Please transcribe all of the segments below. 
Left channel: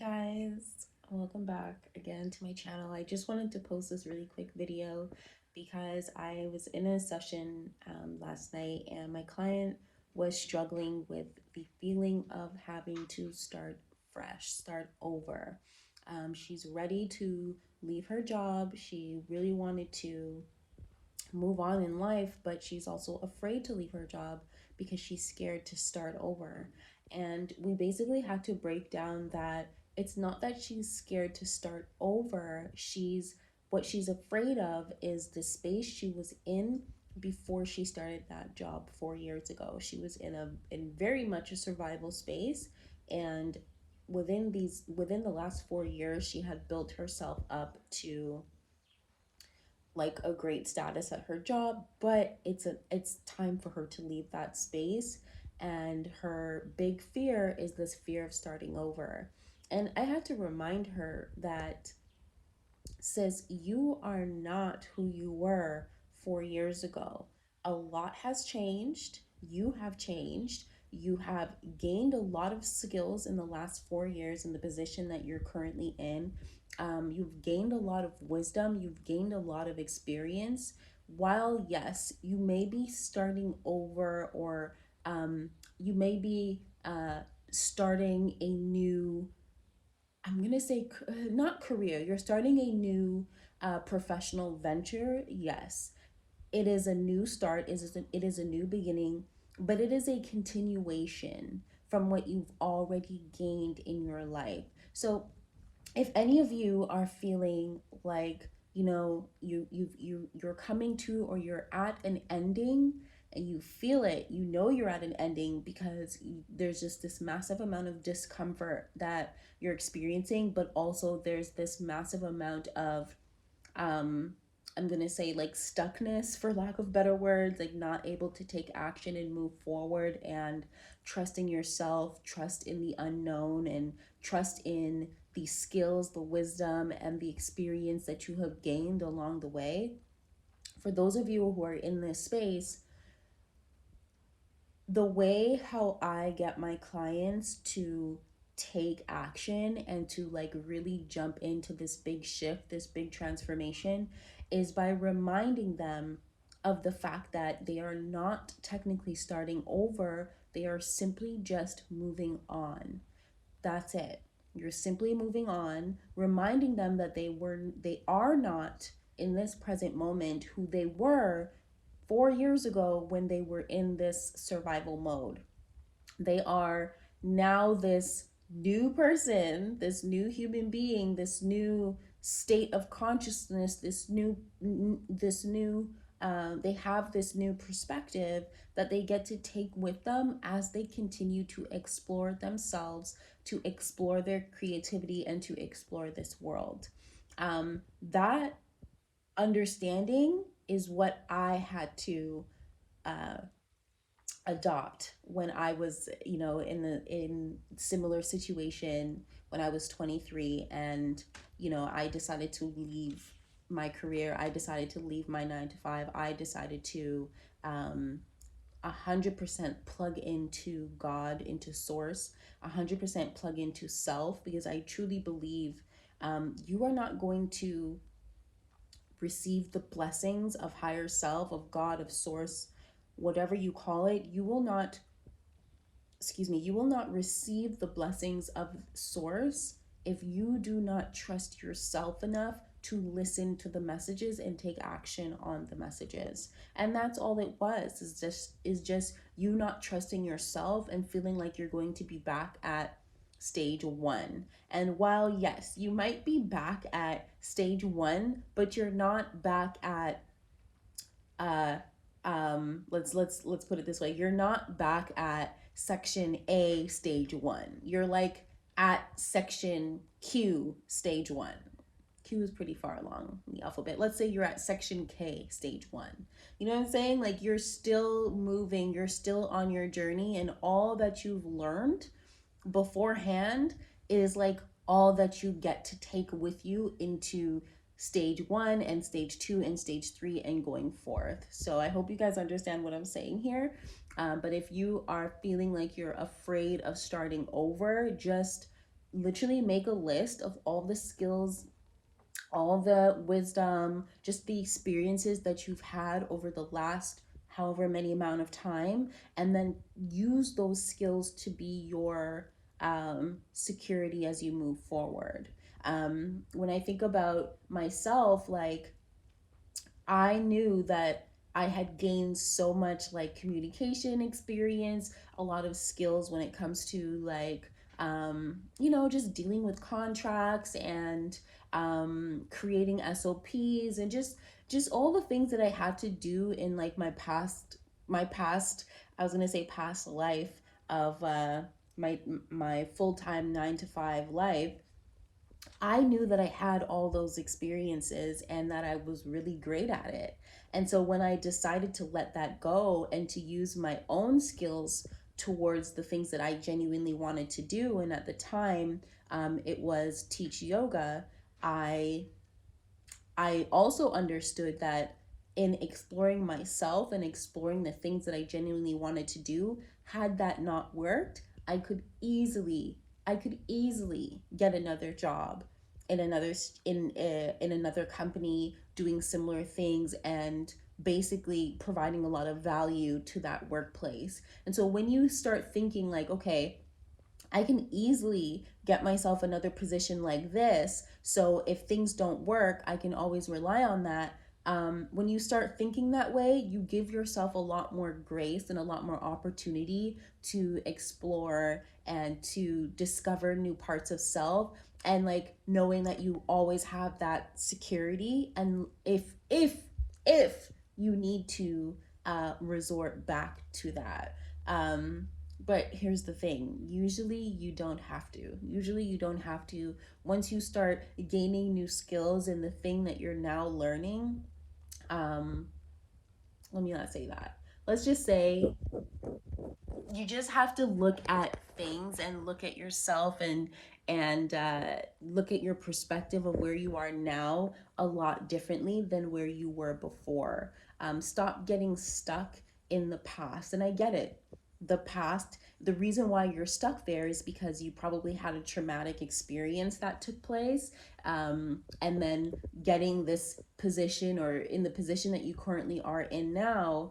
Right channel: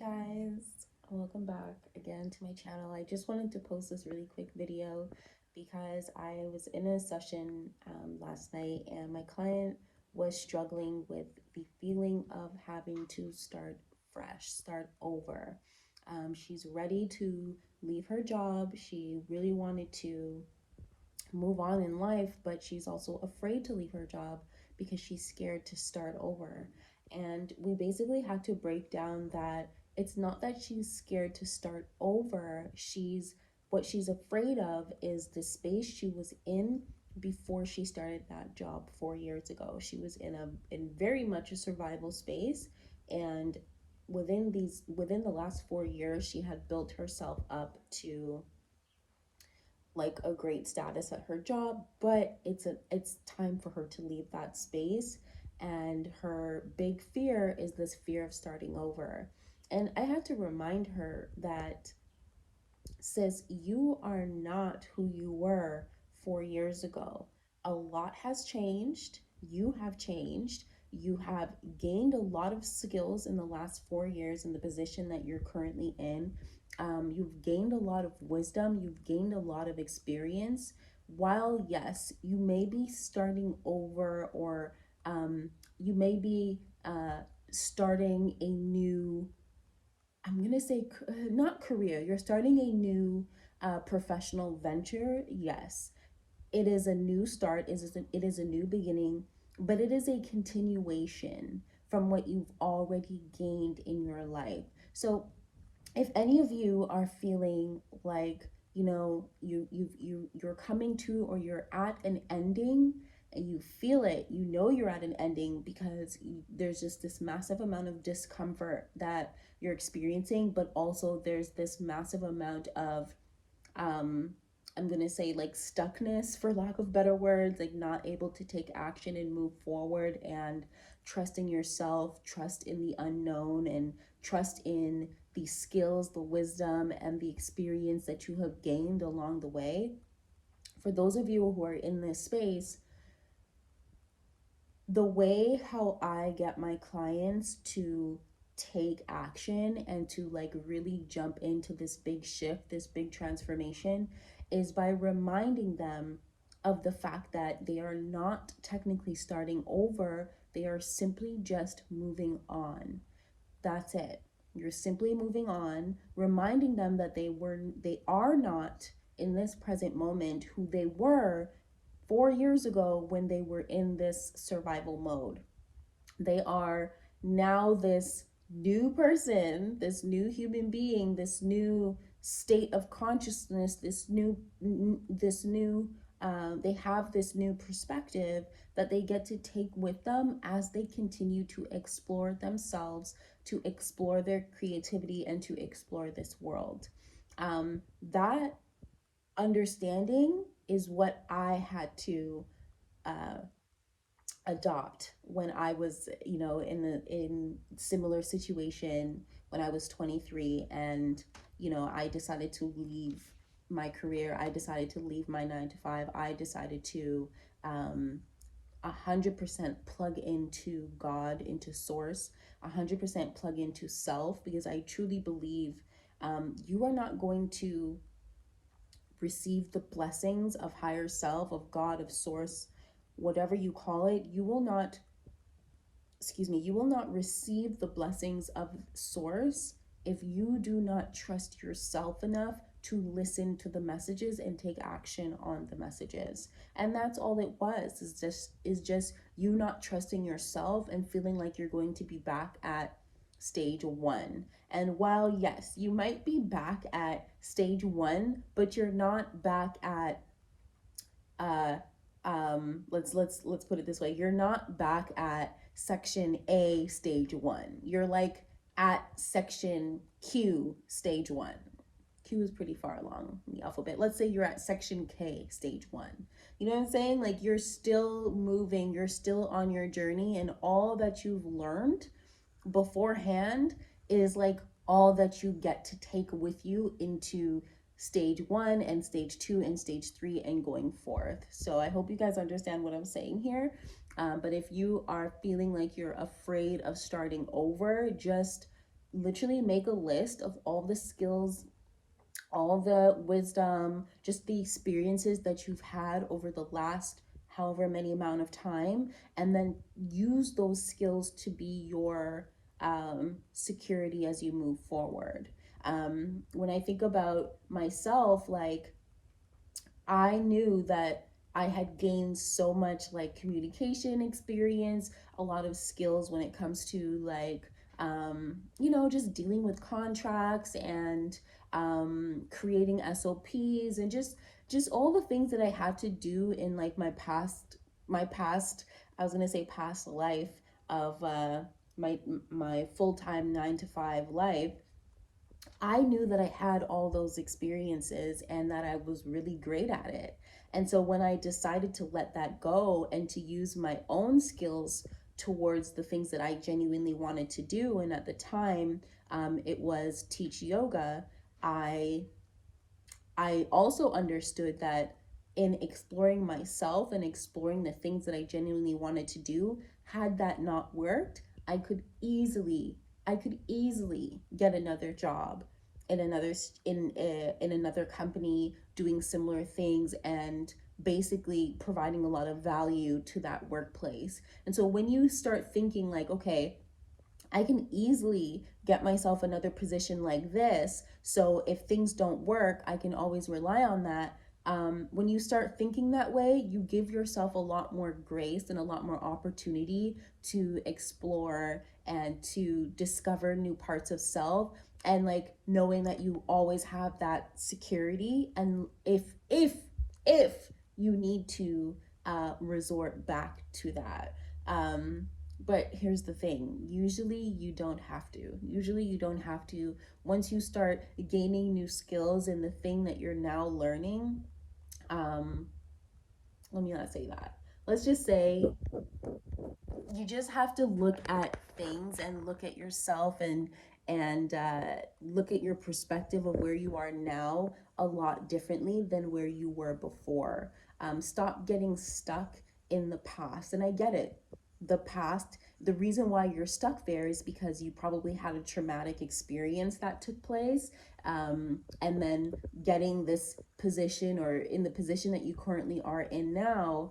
Guys, welcome back again to my channel. I just wanted to post this really quick video because I was in a session last night and my client was struggling with the feeling of having to start fresh, start over. She's ready to leave her job. She really wanted to move on in life, but she's also afraid to leave her job because she's scared to start over. And we basically had to break down that it's not that she's scared to start over. What she's afraid of is the space she was in before she started that job 4 years ago. She was in very much a survival space, and within the last 4 years she had built herself up to like a great status at her job, but it's time for her to leave that space. And her big fear is this fear of starting over. And I had to remind her that, sis, you are not who you were 4 years ago. A lot has changed. You have changed. You have gained a lot of skills in the last 4 years in the position that you're currently in. You've gained a lot of wisdom. You've gained a lot of experience. While, yes, you may be starting over, or you may be starting a new, I'm going to say, not career, you're starting a new professional venture. Yes, it is a new start, it is a new beginning, but it is a continuation from what you've already gained in your life. So if any of you are feeling like, you're coming to, or you're at an ending, and you feel it, you're at an ending because there's just this massive amount of discomfort that you're experiencing, but also there's this massive amount of um I'm gonna say like stuckness, for lack of better words, like not able to take action and move forward and trust in yourself, trust in the unknown, and trust in the skills, the wisdom, and the experience that you have gained along the way. For those of you who are in this space, the way how I get my clients to take action and to like really jump into this big shift, this big transformation, is by reminding them of the fact that they are not technically starting over, they are simply just moving on. That's it. You're simply moving on, reminding them that they are not in this present moment who they were 4 years ago when they were in this survival mode. They are now this new person, this new human being, this new state of consciousness, they have this new perspective that they get to take with them as they continue to explore themselves, to explore their creativity, and to explore this world. That understanding is what I had to uh, adopt when I was, in similar situation when I was 23, and I decided to leave my career. I decided to leave my 9 to 5. I decided to 100% plug into God, into source, 100% plug into self, because I truly believe you are not going to receive the blessings of higher self, of God, of source, whatever you call it. You will not receive the blessings of source if you do not trust yourself enough to listen to the messages and take action on the messages. And that's all it was, is just you not trusting yourself and feeling like you're going to be back at stage one. And while yes, you might be back at stage one, but you're not back at uh let's put it this way, you're not back at section A stage one. You're like at section Q stage one. Q is pretty far along in the alphabet. Let's say you're at section K stage one. You know what I'm saying? Like you're still moving, you're still on your journey, and all that you've learned beforehand is like all that you get to take with you into stage one and stage two and stage three and going forth. So I hope you guys understand what I'm saying here. But if you are feeling like you're afraid of starting over, just literally make a list of all the skills, all the wisdom, just the experiences that you've had over the last however many amount of time, and then use those skills to be your security as you move forward. When I think about myself, like, I knew that I had gained so much like communication experience, a lot of skills when it comes to like, just dealing with contracts and creating SOPs and just all the things that I had to do in like my past, I was gonna say past life of my full-time 9 to 5 life. I knew that I had all those experiences and that I was really great at it. And so when I decided to let that go and to use my own skills towards the things that I genuinely wanted to do, and at the time it was teach yoga, I I also understood that in exploring myself and exploring the things that I genuinely wanted to do, had that not worked, I could easily get another job in another company doing similar things and basically providing a lot of value to that workplace. And so when you start thinking like, okay, I can easily get myself another position like this. So if things don't work, I can always rely on that. When you start thinking that way, you give yourself a lot more grace and a lot more opportunity to explore and to discover new parts of self. And like knowing that you always have that security, and if you need to resort back to that. But here's the thing, usually you don't have to. Once you start gaining new skills in the thing that you're now learning, um let me not say that, let's just say you just have to look at things and look at yourself and look at your perspective of where you are now a lot differently than where you were before. Stop getting stuck in the past. And I get it, the past, the reason why you're stuck there is because you probably had a traumatic experience that took place, and then getting this position or in the position that you currently are in now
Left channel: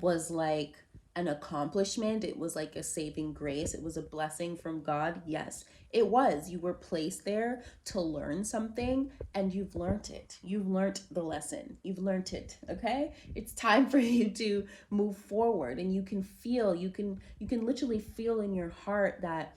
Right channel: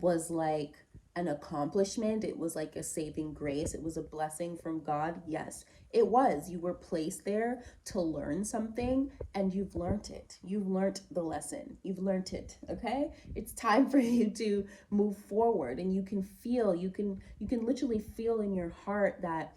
was like an accomplishment. It was like a saving grace. It was a blessing from God. Yes, it was. You were placed there to learn something, and you've learned it. You've learned the lesson. You've learned it. Okay? It's time for you to move forward, and you can literally feel in your heart that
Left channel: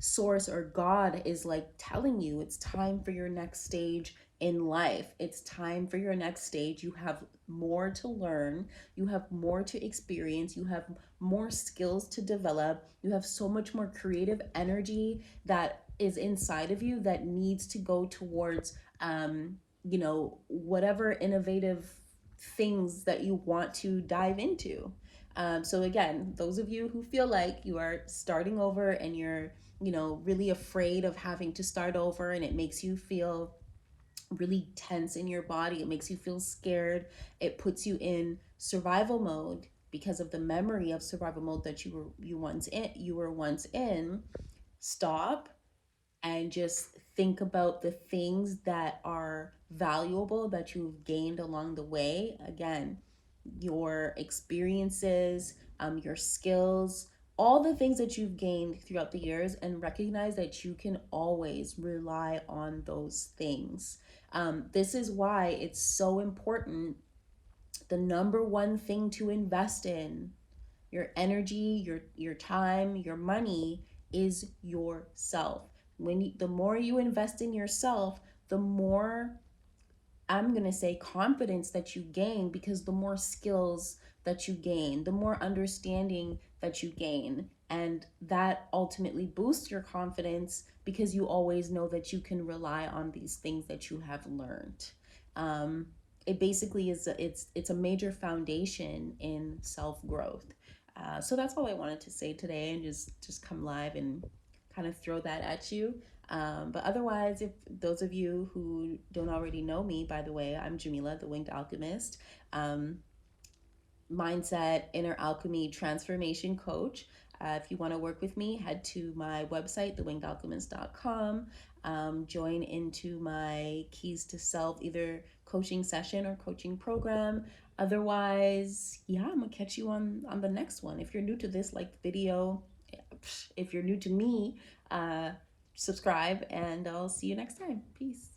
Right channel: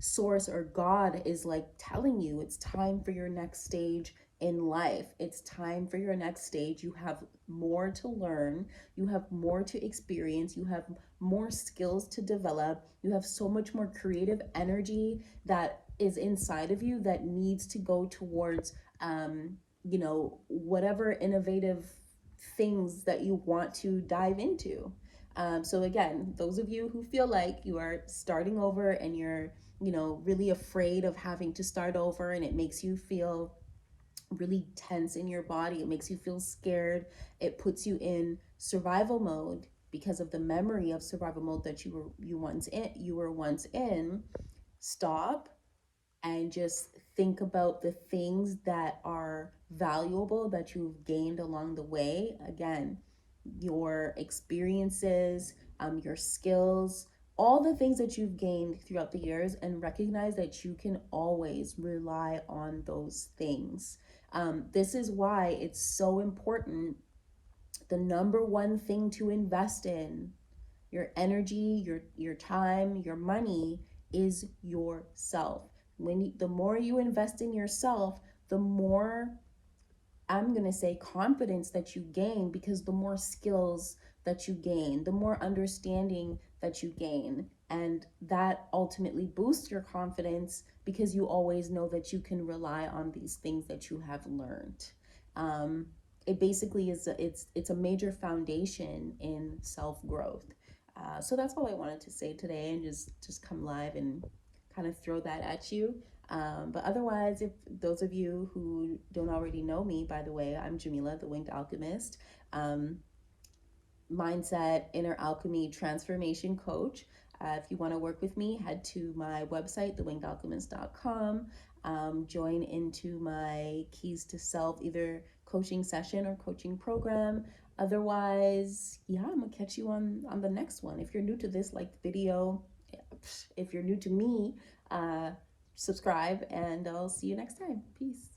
source or God is like telling you it's time for your next stage in life. It's time for your next stage. You have more to learn, you have more to experience, you have more skills to develop, you have so much more creative energy that is inside of you that needs to go towards whatever innovative things that you want to dive into. So again, those of you who feel like you are starting over and you're really afraid of having to start over, and it makes you feel really tense in your body, it makes you feel scared, it puts you in survival mode because of the memory of survival mode that you were once in. Stop and just think about the things that are valuable that you've gained along the way. Again, your experiences, your skills, all the things that you've gained throughout the years, and recognize that you can always rely on those things. This is why it's so important. The number one thing to invest in, your energy, your time, your money, is yourself. The more you invest in yourself, the more, I'm going to say, confidence that you gain, because the more skills that you gain, the more understanding that you gain. And that ultimately boosts your confidence because you always know that you can rely on these things that you have learned. It basically it's a major foundation in self growth. So that's all I wanted to say today, and just come live and kind of throw that at you. But otherwise, if those of you who don't already know me, by the way, I'm Jamila, the Winged Alchemist, mindset, inner alchemy, transformation coach. If you want to work with me, head to my website, thewingedalchemist.com. Join into my Keys to Self, either coaching session or coaching program. Otherwise, yeah, I'm gonna catch you on the next one. If you're new to this like video, if you're new to me, subscribe, and I'll see you next time. Peace.